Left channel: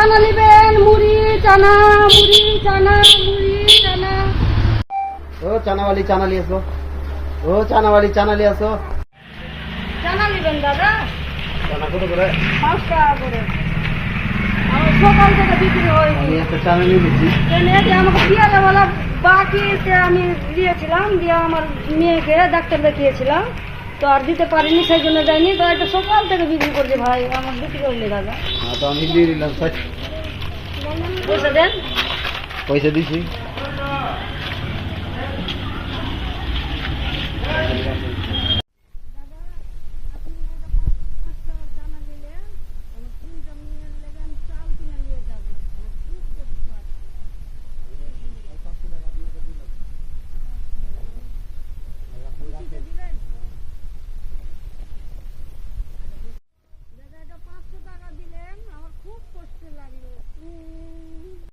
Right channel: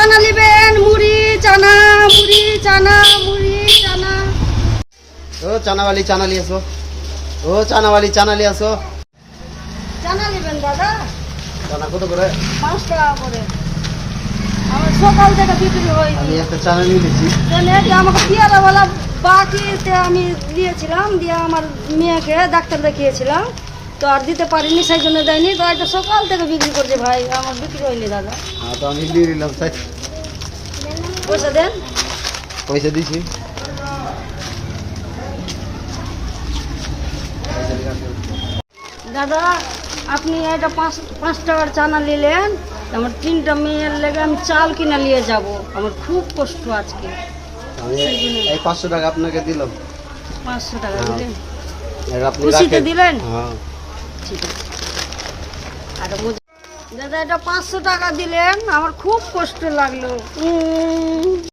চানা নেবেন মুড়ি চানা মুড়ি চানা মুড়ি চানা। ও চানাওয়ালি চানা নিয়ে আসো। ও চানাওয়ালি চানা নিয়ে আসো। চানা নেবেন দাদা? চানা কত করে? পাঁচ টাকা করে। সকাল থেকে বিক্রি আমি একটা চানা নিয়ে নিচ্ছি। দিয়ে আমাকে পিয়ারে বলা বাকিতে আমি দিয়েছিলাম দিয়ে আমার মেয়েকে ডাক্তার দেখিয়েছিলাম। তো আর দিতে পারিনি সেই জন্য দেয়নি তো একটা সকাল থেকে বিক্রি করছে ভাই আমার বিক্রি হয়নি দাদা হ্যাঁ তো আমি নিয়ে নিলাম তাই পয়সা দেন পয়সা দিছি দাদা আপনি এটা পাঁচ পাঁচ টাকার চানা নিলেন আমার তিনটা মেয়ের লেগে আমি চাল কিনে নিয়ে যাব আমার খুব কষ্ট আজকে আমি এই পাঁচশো টাকা আপনাকে দিলাম পাঁচশো টাকা হ্যাঁ। দিলেন এর আপনি খুশিতে রাখেন। দিলেন? হ্যাঁ দাদা এটা পাঁচশো টাকা দিলেন আমার খুব কষ্ট লাগল।